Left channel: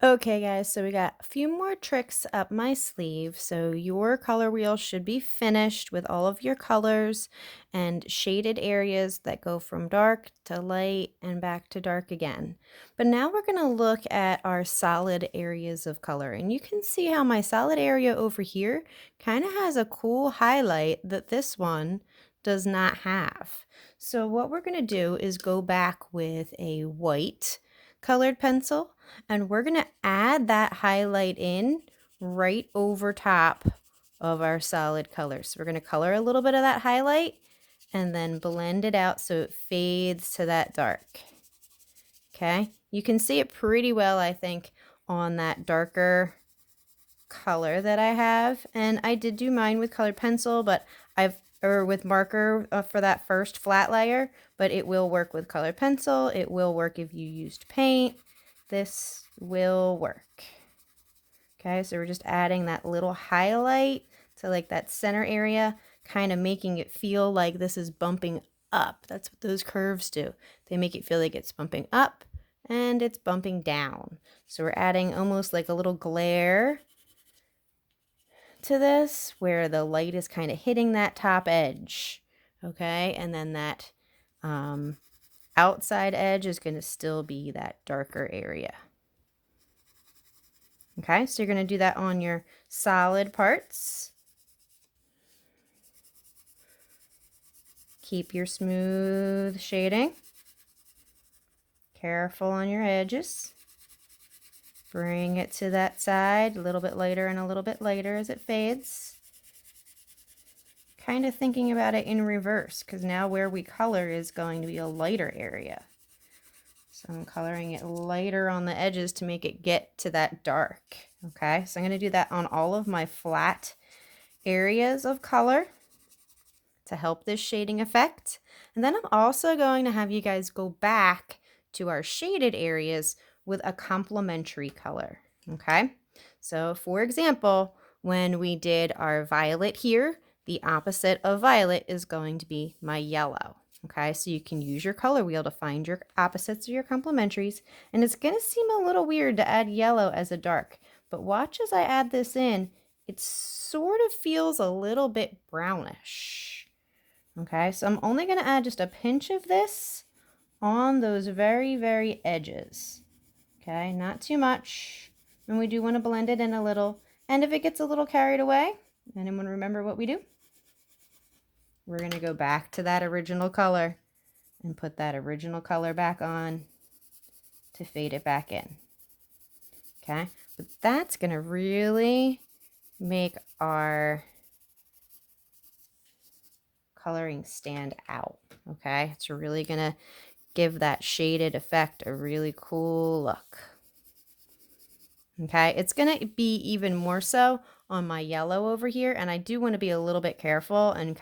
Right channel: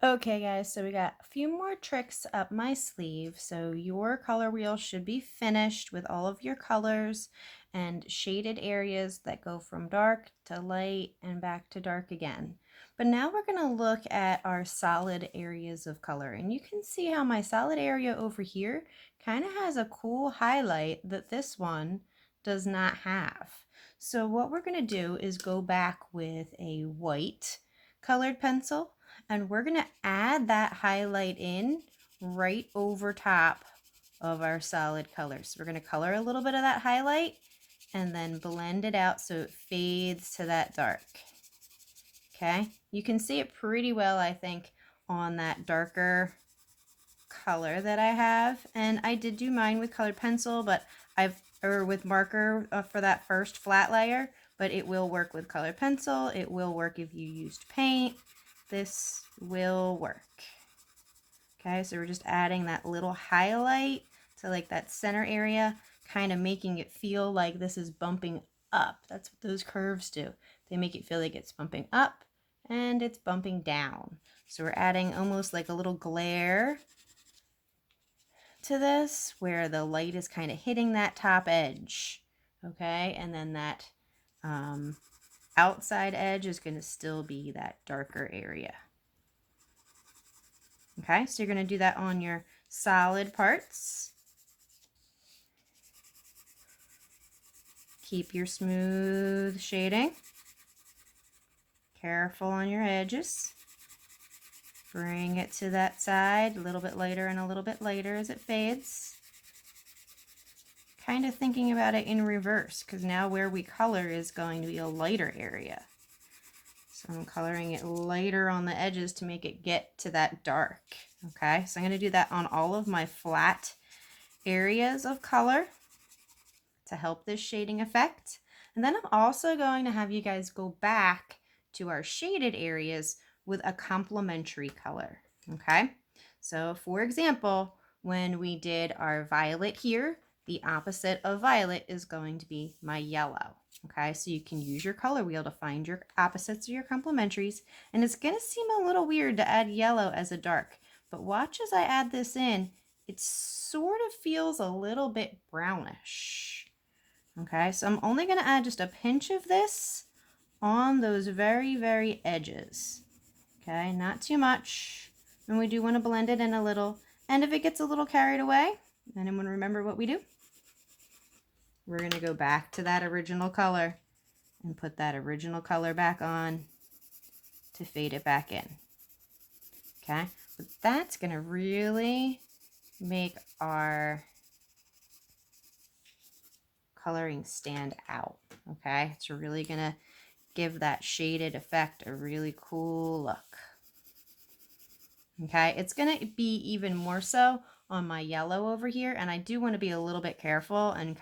Okay, guys, so we got a few more tricks up my sleeve. So your color wheel should be finished with all of your colors and shaded areas that go from dark to light and back to dark again. But now we're going to look at our solid areas of color. And you can see how my solid area over here kind of has a cool highlight that this one does not have. So what we're going to do is go back with a white colored pencil, and we're going to add that highlight in right over top of our solid colors. So we're going to color a little bit of that highlight and then blend it out so it fades to that dark. Okay, you can see it pretty well, I think, on that darker color that I have. And I did do mine with colored pencil, but or with marker for that first flat layer, but it will work with colored pencil. It will work if you used paint. This will work. Okay, so we're just adding that little highlight to like that center area, kind of making it feel like this is bumping up. That's what those curves do. They make it feel like it's bumping up and it's bumping down. So we're adding almost like a little glare to this where the light is kind of hitting that top edge. Okay, and then that outside edge is going to still be that darker area. Okay, so you're going to do that on your solid parts. Keep your smooth shading. Careful on your edges. Bring it to that side, a little bit lighter and a little bit lighter as it fades. Kind of thinking about it in reverse, because now where we color is going to be a lighter area. So I'm coloring it lighter on the edges to make it get to that dark. Okay, so I'm going to do that on all of my flat areas of color to help this shading effect. And then I'm also going to have you guys go back to our shaded areas with a complementary color. Okay, so for example, when we did our violet here, the opposite of violet is going to be my yellow. Okay, so you can use your color wheel to find your opposites or your complementaries. And it's going to seem a little weird to add yellow as a dark, but watch as I add this in, it sort of feels a little bit brownish. Okay, so I'm only going to add just a pinch of this on those very, very edges. Okay, not too much. And we do want to blend it in a little. And if it gets a little carried away, then I'm going to remember what we do. We're going to go back to that original color and put that original color back on to fade it back in. Okay, but that's going to really make our coloring stand out. Okay, it's really going to give that shaded effect a really cool look. Okay, it's going to be even more so on my yellow over here, and I do want to be a little bit careful and